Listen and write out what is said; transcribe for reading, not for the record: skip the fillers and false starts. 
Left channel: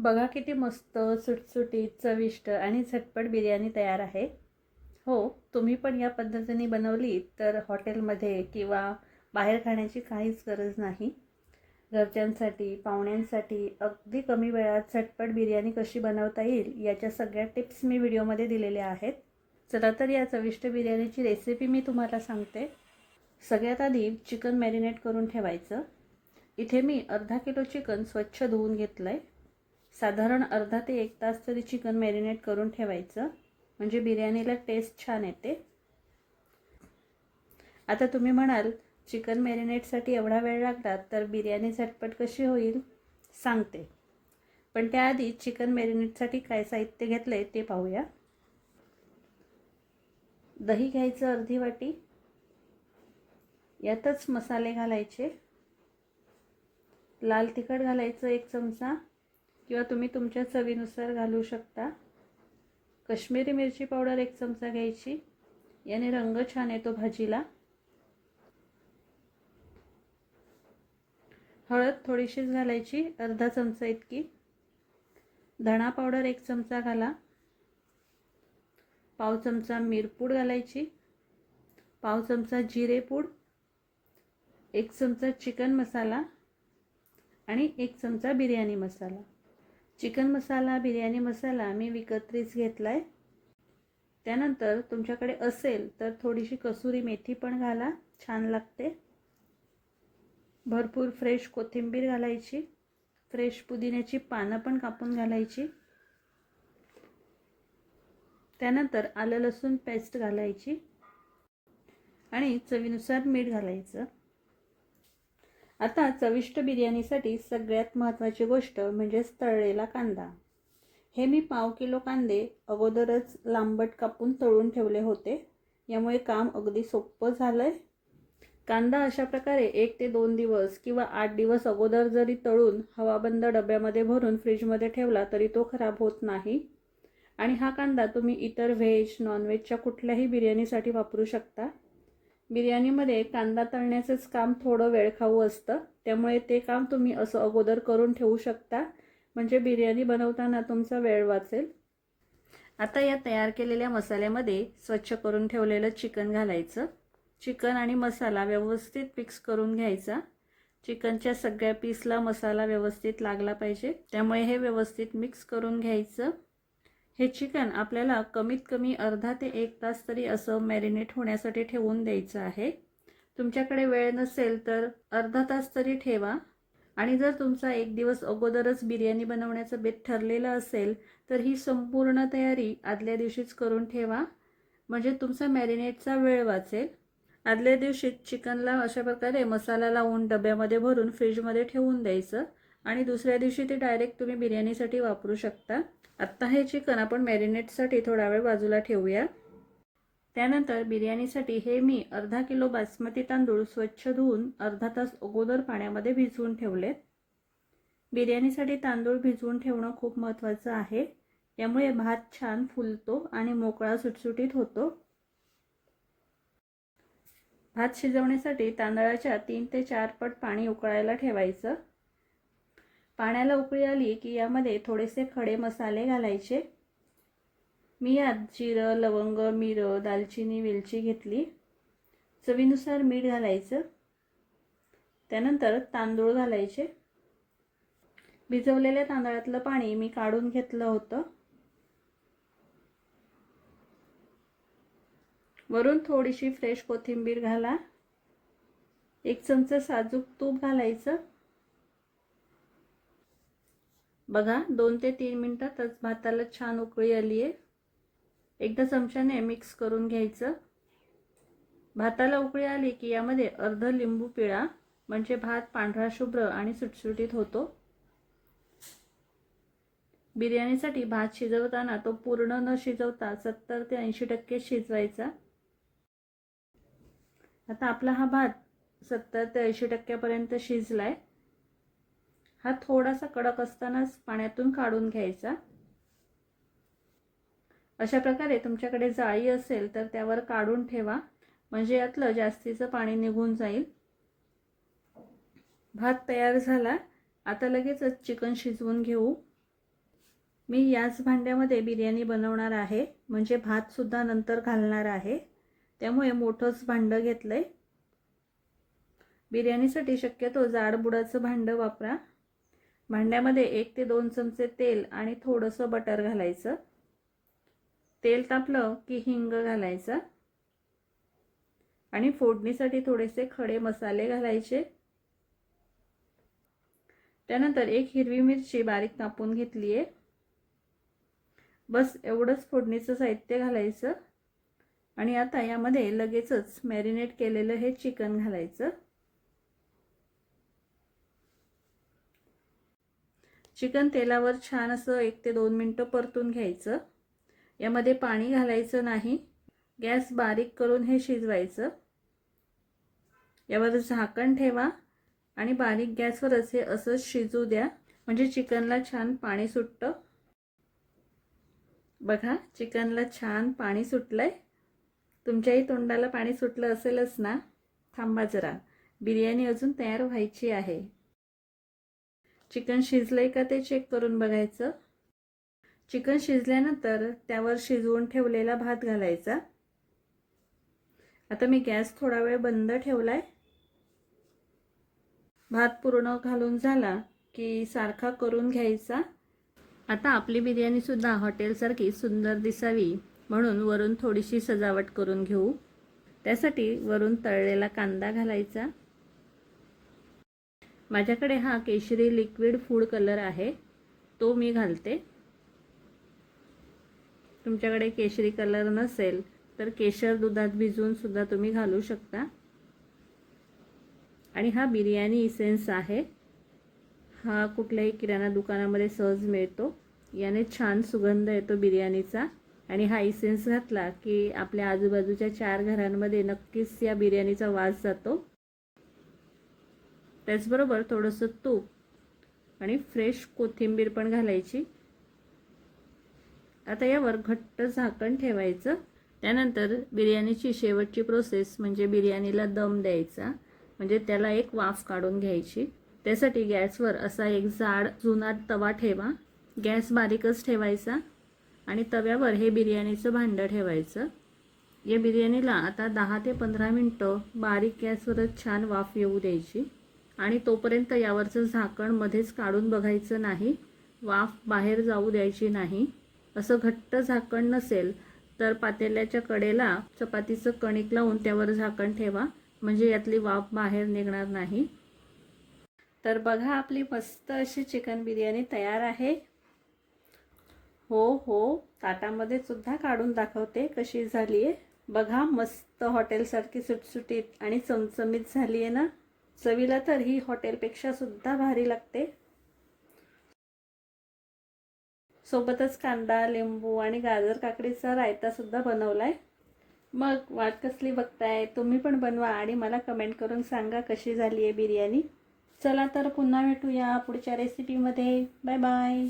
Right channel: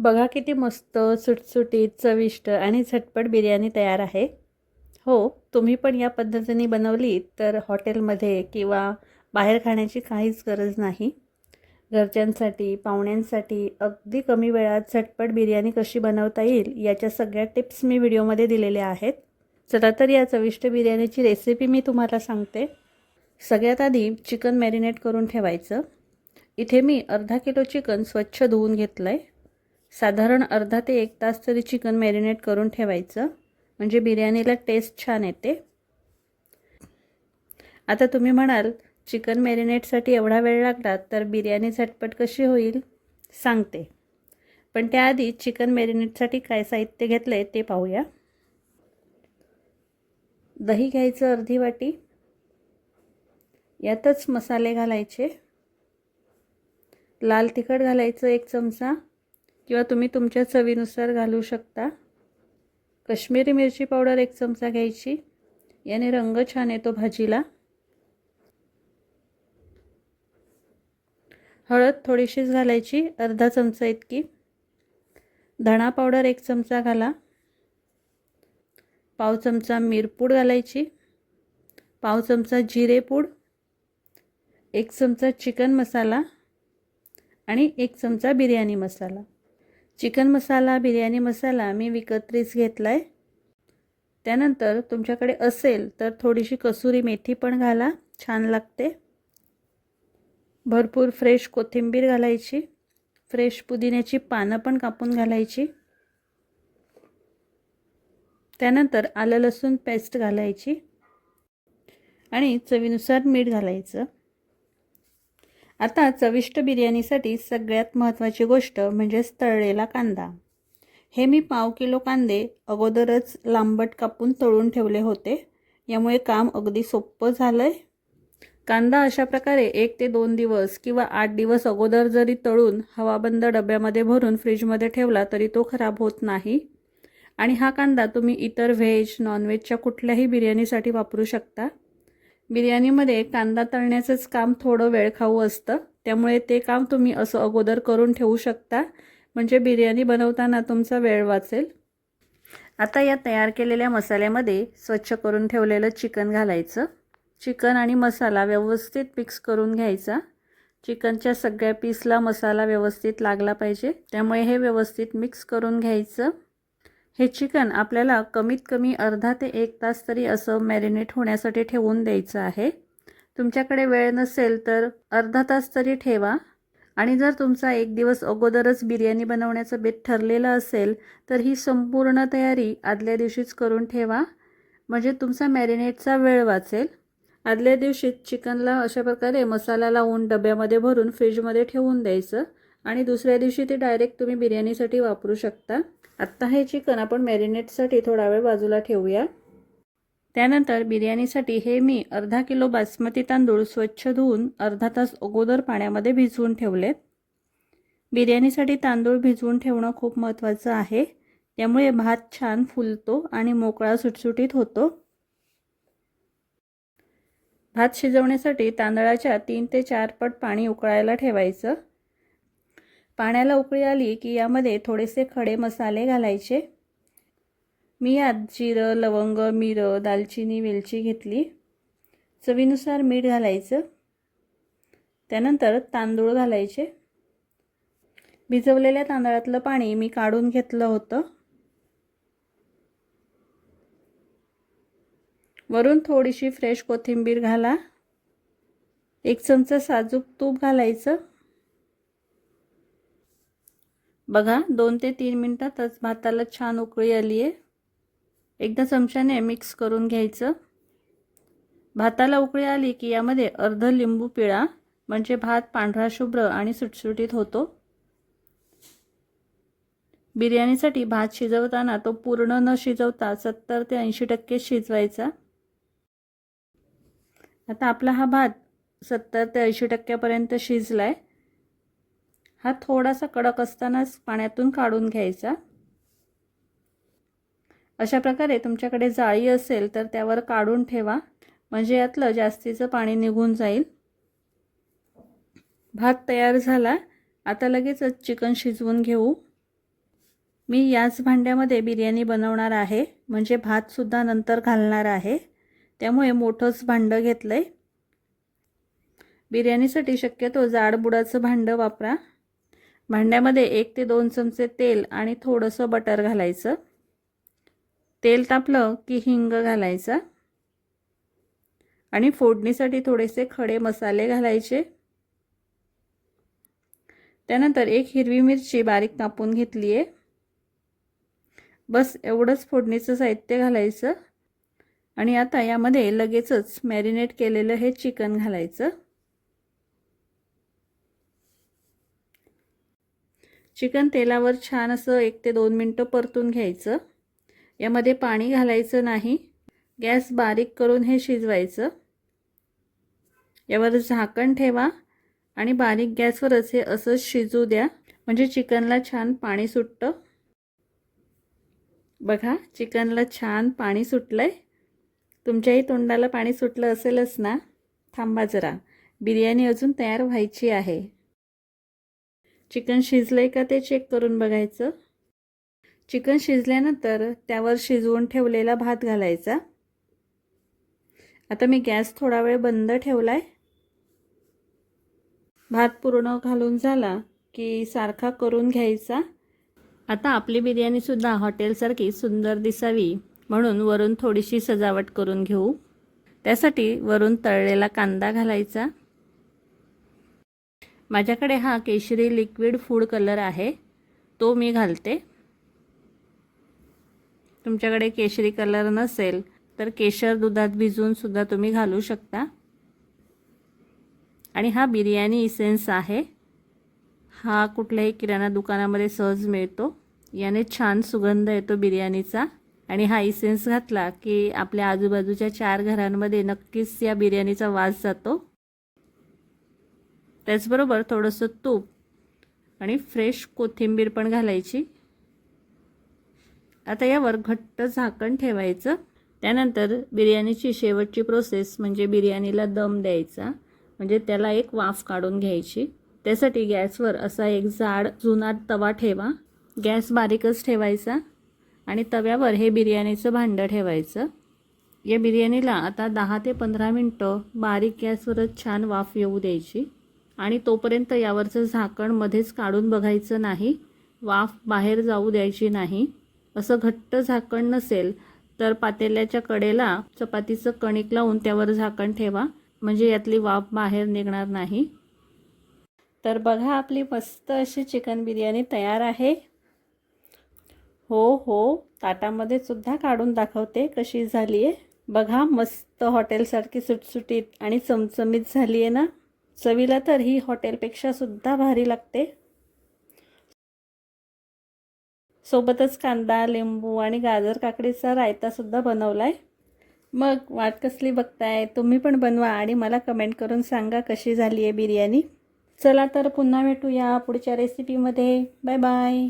बघा किती मस्त सुटसुटीत चविष्ट आणि झटपट बिर्याणी तयार आहे. हो, तुम्ही पण या पद्धतीने बनवली तर हॉटेलमध्ये किंवा बाहेर खाण्याची काहीच गरज नाही. घरच्यांसाठी, पाहुण्यांसाठी अगदी कमी वेळात झटपट बिर्याणी कशी बनवता येईल याच्या सगळ्या टिप्स मी व्हिडिओमध्ये दिलेल्या आहेत. चला तर या चविष्ट बिर्याणीची रेसिपी मी तुम्हाला सांगते. सगळ्यात आधी चिकन मॅरिनेट करून ठेवायचं. इथे मी अर्धा किलो चिकन स्वच्छ धुवून घेतलं आहे. साधारण अर्धा ते 1 तास तरी चिकन मॅरिनेट करून ठेवायचं, म्हणजे बिर्याणीला टेस्ट छान येते. आता तुम्ही म्हणाल चिकन मॅरिनेटसाठी एवढा वेळ लागला तर बिर्याणी झटपट कशी होईल, सांगते. पण त्याआधी चिकन मॅरिनेटसाठी काय साहित्य घेतलं आहे ते पाहूया. दही घ्यायचं अर्धी वाटी, यातच मसाले घालायचे. लाल तिखट घालायचं 1 चमचा किंवा तुम्ही तुमच्या चवीनुसार घालू शकता. काश्मीरी मिरची पावडर 1 चमचा घ्यायची, याने रंग छान येतो भाजीला. हळद थोडीशीच घालायची, अर्धा चमचा इतकी. धणा पावडर 1 चमचा घाला. पाव चमचा मिरपूड घालायची. पाव चमचा जिरेपूड, 1 चमचा चिकन मसाला आणि 1 चमचा बिर्याणी मसाला. चिकन मसाला, बिर्याणी मसाला मी विकत्रीच घेतला आहे. त्यानंतर तुमच्याकडे असेल तर थोडीशी कसुरी मेथी पण घाला, छान लागते. भरपूर फ्रेश कोथिंबीर घालायची. फ्रेश पुदिन्याची पानं पण कापून घालायची. त्यानंतर आलं लसूण पेस्ट घालायची आणि चवीनुसार मीठ घालायचं. आता चविष्ट बिर्याणीसाठी सगळ्यात महत्त्वाची गोष्ट म्हणजेच तळलेला कांदा. हे मी पाव किलो कांदे अगोदरच लांबट कापून तळून ठेवले होते, यामुळे काम अगदी सोपं झालं आहे. कांदा अशा प्रकारे 1 ते 2 दिवस किंवा 8 दिवस अगोदर जरी तळून हवाबंद डब्यामध्ये भरून फ्रीजमध्ये ठेवला तरी तो खराब होत नाही. आणि हा कांदा तुम्ही इतर व्हेज, नॉनव्हेजच्या कुठल्याही बिर्याणीसाठी वापरू शकता. बिर्याणीमध्ये कांदा तळण्याचंच काम थोडं वेळखाऊ असतं, त्यामुळे ते काम तुम्ही असं अगोदर करून ठेवू शकता, म्हणजे बिर्याणी बनवताना तुमचा वेळ वाचेल. आता या तयार केलेल्या मसाल्यामध्ये स्वच्छ करून ठेवलेलं चिकन घालायचं. चिकन आणि मसाला व्यवस्थित मिक्स करून घ्यायचा. चिकनच्या सगळ्या पीसला मसाला व्यवस्थित लागला पाहिजे, त्यामुळे हे व्यवस्थित मिक्स करून घ्यायचं. हे चिकन आपल्याला कमीत कमी अर्धा ते 1 तास तरी असं मॅरिनेट होण्यासाठी ठेवून द्यायचं आहे. तुमच्याकडे वेळ नसेल तर अर्धा तास तरी ठेवा. आणि जर तुमचा 1 दिवस अगोदरच बिर्याणी बनवण्याचं बेत ठरलेलं असेल तर ही संपूर्ण तयारी आदल्या दिवशीच करून ठेवा, म्हणजे तुमचा मॅरिनेटचा वेळ वाचेल. आदल्या दिवशी चिकनला अशा प्रकारे मसाला लावून डब्यामध्ये भरून फ्रीजमध्ये ठेवून द्यायचं आणि दुसऱ्या दिवशी ते डायरेक्ट तुम्ही बिर्याणीसाठी वापरू शकता. आत्ता हे चिकन आपण मॅरिनेटसाठी थोडा वेळ बाजूला ठेवूया. त्यानंतर बिर्याणीसाठी हे मी अर्धा किलो बासमती तांदूळ स्वच्छ धुवून अर्धा तास अगोदर पाण्यामध्ये भिजवून ठेवलेत. बिर्याणीसाठी तांदूळ भिजवून ठेवणं खूप महत्त्वाचं आहे, त्यामुळे भात छान फुलतो आणि मोकळा सुटसुटीत होतो. भात शिजवण्यासाठी तांदळाच्या 3 ते 4 पट पाणी उकळायला ठेवायचं. पाण्याला उकळी आली की यामध्ये थोडेसे खडे मसाले घालायचे. मी यात जिरं, लवंग, मिरं, दालचिनी, वेलची घेतली. चवीनुसार मीठ घालायचं. त्यानंतर तांदूळ घालायचे. भिजवलेल्या तांदळातलं पाणी मी काढून घेतलं होतं. वरून थोडीशी फ्रेश कोथिंबीर घाला. 1 चमचा साजूक तूप घालायचं. बघा 2 ते 3 मिनिटातच भाताला छान उकळी आली आहे. एकदा चमच्याने मिक्स करून घ्यायचं. भाताला उकळी आली की यामध्ये अर्ध लिंबू पिळा, म्हणजे भात पांढरा शुभ्र आणि सुटसुटीत होतो. बिर्याणीसाठी भात शिजवताना तो पूर्ण न शिजवता 70 ते 80% शिजवायचा. आता आपला हा भात 70 ते 80% शिजलाय. हा थोडासा कडक असतानाच पाण्यातून काढून घ्यायचा. अशा प्रकारे तुमच्याकडे जाळी असेल तर त्यावर काढून ठेवा, म्हणजे यातलं जास्तीचं पाणी निघून जाईल. भात तयार झाला. आता लगेचच चिकन शिजवून घेऊ. मी याच भांड्यामध्ये बिर्याणी बनवणार आहे, म्हणजे भातसुद्धा नंतर घालणार आहे, त्यामुळे मोठंच भांडं घेतलं आहे. बिर्याणीसाठी शक्यतो जाडबुडाचं भांडं वापरा. भांड्यामध्ये 1 ते 2 चमचे तेल आणि थोडंसं बटर घालायचं. तेल तापलं की हिंग घालायचा आणि फोडणीसाठी थोडेसे खडे मसाले घालायचे. त्यानंतर 1 हिरवी मिरची बारीक कापून घेतली आहे. बस एवढंच फोडणीचं साहित्य घालायचं आणि आता यामध्ये लगेचच मॅरिनेट केलेलं हे चिकन घालायचं. चिकन तेलावर छान असं 1 ते 2 मिनिटं परतून घ्यायचं. यामध्ये पाणी घालायचं नाही. गॅस बारीक करून हे शिजवायचं. यावर झाकण ठेवा आणि बारीक गॅसवरच हे असंच शिजू द्या, म्हणजे चिकनला छान पाणी सुटतं. बघा, चिकनला छान पाणी सुटलंय. तुमच्याही तोंडाला पाणी सुटलं असेलच ना? थांबा जरा, बिर्याणी अजून तयार व्हायची आहे. चिकन शिजलंय का ते चेक करून बघायचं. चिकन शिजल्यानंतर त्यावर शिजवून ठेवलेला भात घालायचा. आता मी गॅस थोडा वेळ बंद ठेवलाय. भात पूर्ण घालून झाला की सारखा करून घ्यायचा. आता आपली बिर्याणीसुद्धा हॉटेलसारखी सुंदर दिसावी म्हणून वरून थोडीशी सजावट करून घेऊ. त्यासाठी वरून तळलेला कांदा घालायचा. माझ्याकडे हा केशरी लिक्विड फूड कलर आहे, तो मी घालते. तुमच्याकडे केशरी कलर नसेल तर केशर दुधात भिजवून सुद्धा तुम्ही घालू शकता. आणि हा बिर्याणी इसेन्स आहे. हा कुठल्याही किराणा दुकानामध्ये सहज मिळतो. याने छान सुगंध येतो बिर्याणीचा आणि हा इसेन्स घातला की आपल्या आजूबाजूच्या 4 घरांमध्ये नक्कीच या बिर्याणीचा वास जातो. त्याचबरोबर थोडंसं तूप आणि फ्रेश कोथिंबीर पण घालायची. आता यावर घट्ट झाकण ठेवायचं. त्यानंतर बिर्याणीची शेवटची प्रोसेस म्हणजे बिर्याणीला दम द्यायचा, म्हणजे त्याला एक वाफ काढून घ्यायची. त्यासाठी गॅसवर असा एक जाड जुना तवा ठेवा. गॅस बारीकच ठेवायचा आणि तव्यावर हे बिर्याणीचं भांडं ठेवायचं. या बिर्याणीला आता 10 ते 15 मिनटं बारीक गॅसवरच छान वाफ येऊ द्यायची आणि तोपर्यंत यावरचं झाकण मध्येच काढून बघायचं नाही. वाफ बाहेर जाऊ द्यायची नाही. असं घट्ट झाकण नसेल तर पातेल्याच्या कडेला चपातीचं कणिक लावून त्यावर झाकण ठेवा, म्हणजे यातली वाफ बाहेर निघणार नाही. तर बघा, आपली मस्त अशी चिकन बिर्याणी तयार आहे. हो, ताटामध्ये सुद्धा काढून दाखवते कशी झाली आहे. बघा, मस्त हॉटेलसारखी सुटसुटीत आणि चमचमीत झाली आहे ना? चवीला तर ही हॉटेलपेक्षा सुद्धा भारी लागते. सोबतच कांदा, लिंबू आणि गाजर काकडीचा रायता सुद्धा बनवलाय. मग वाट कसली बघताय? तुम्ही पण बनवा आणि मला कमेंट करून सांगा कशी झाली आहे बिर्याणी. चला तर पुन्हा भेटूया पुढच्या रेसिपीमध्ये. Bye bye.